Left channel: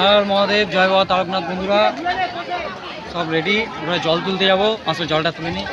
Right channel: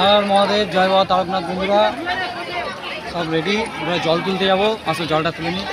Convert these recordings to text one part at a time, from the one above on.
আর মহাদেব, জয় বাবা তারকনাথ। বন্ধুরা সব রেডি, আমরা জল তুলতে যাবো। আসলে জলটা তুলে নিই।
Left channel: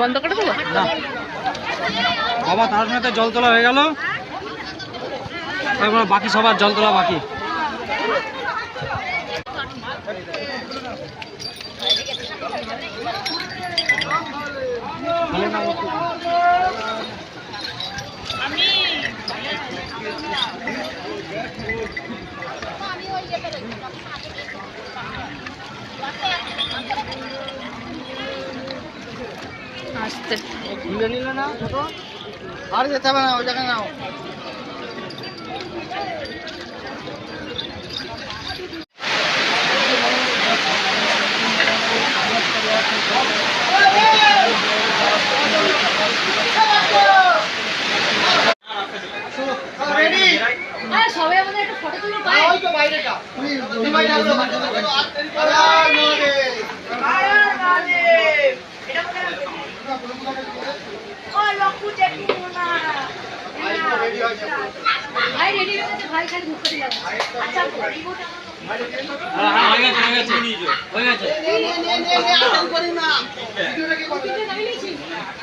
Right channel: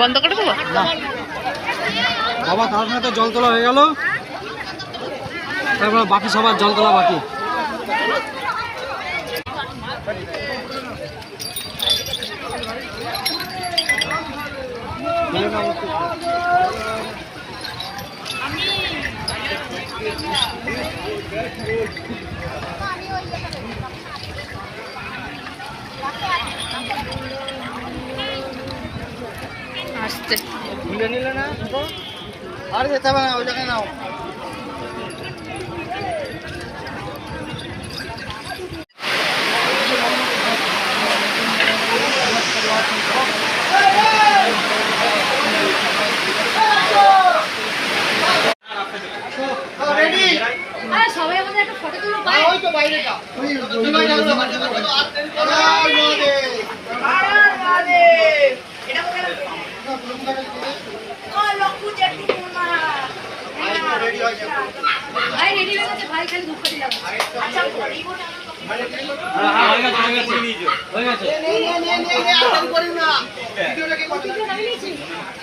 বন্ধ করে দেবো না, বাবা তারকনাথের জল তোলা হয়ে গেল, তারপর বাকি সবার জল তোলা বাকি। আসতে আর যেতে হবে না, ওই জায়গায় নাও। সবাই আমাদের একটা ফটো তুলো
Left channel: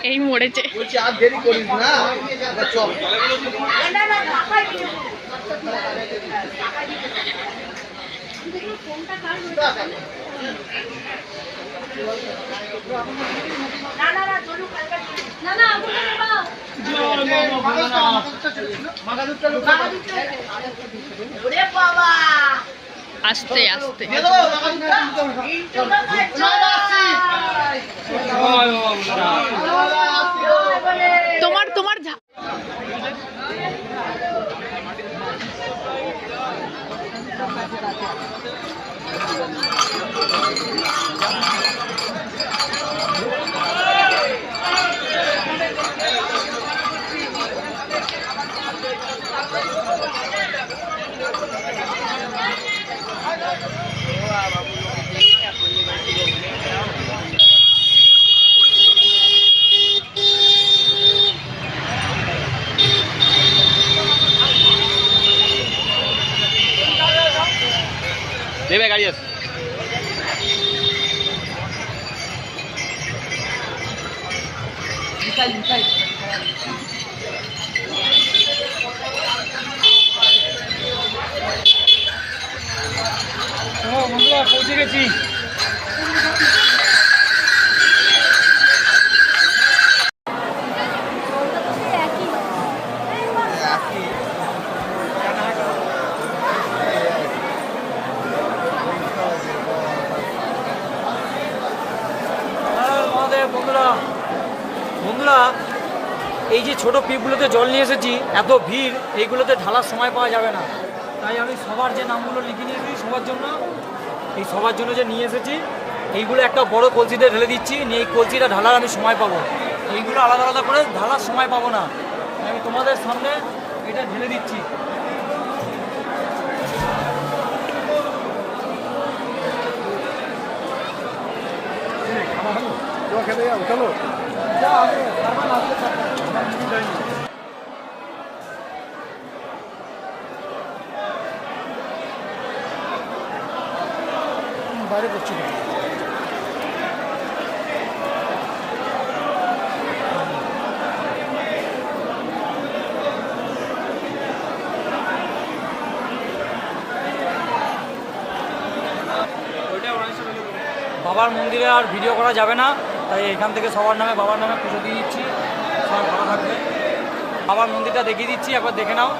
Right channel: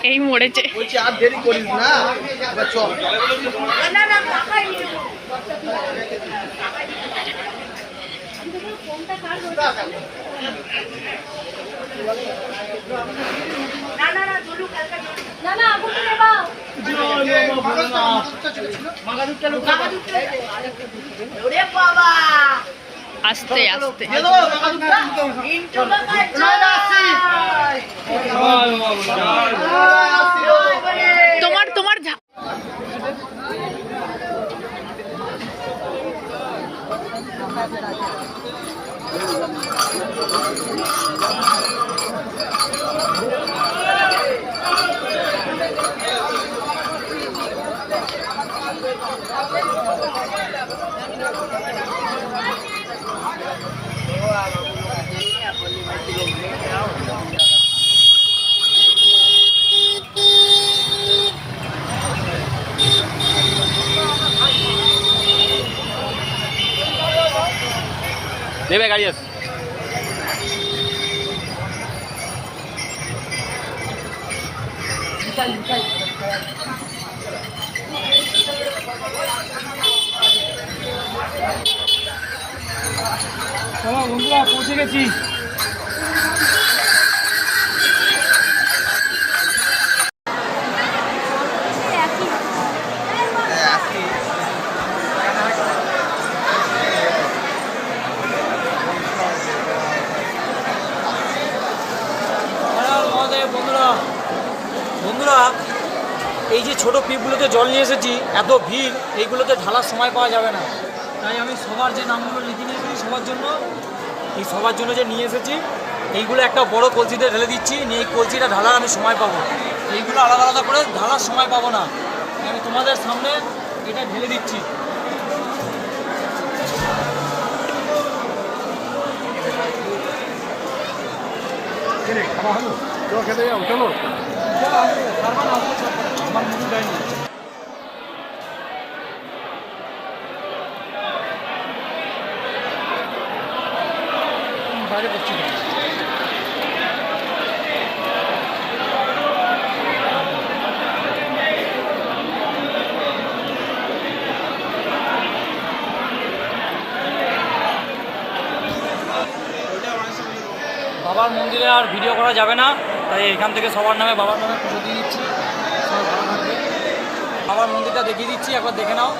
এই মরেছে। আর দেরি করিস না, চল। আস্তে আস্তে তোমার তোমার দেবে গাড়ি আছে। বন্ধুরা পৌঁছে গেছি। বন্ধুরা বন্ধুরা এই যে ছোট পিপগুলোতে জল নিয়ে এসেছি, এত ভিড়, এইগুলোতে ঢালার সময় পাওয়া যাবে না, তাই আমি সবার যে নামগুলো লিখে নিয়েছি সবার জন্য যে নিয়ে এসেছি, এইগুলো একটা বড় কলসিতে ঢেলে দিচ্ছি। এই কলসিটা ঢালার আমি সময় পাবো, এইগুলো আলাদা আলাদা করে ঢালার সময় পাবো না। আমি তোমাদের সামনে এটা ঢেলে দিচ্ছি। বাইরে করছি বাবার মন্দিরে আর ভিডিও করা যাবে না, তাই এখান থেকে সবার নামে বাবার নামে পুজো দিয়ে দিচ্ছি। সবাই ভালো থাকবে। বাবার মন্দিরটা দেখিয়ে দিচ্ছি, একবার দেখে নাও।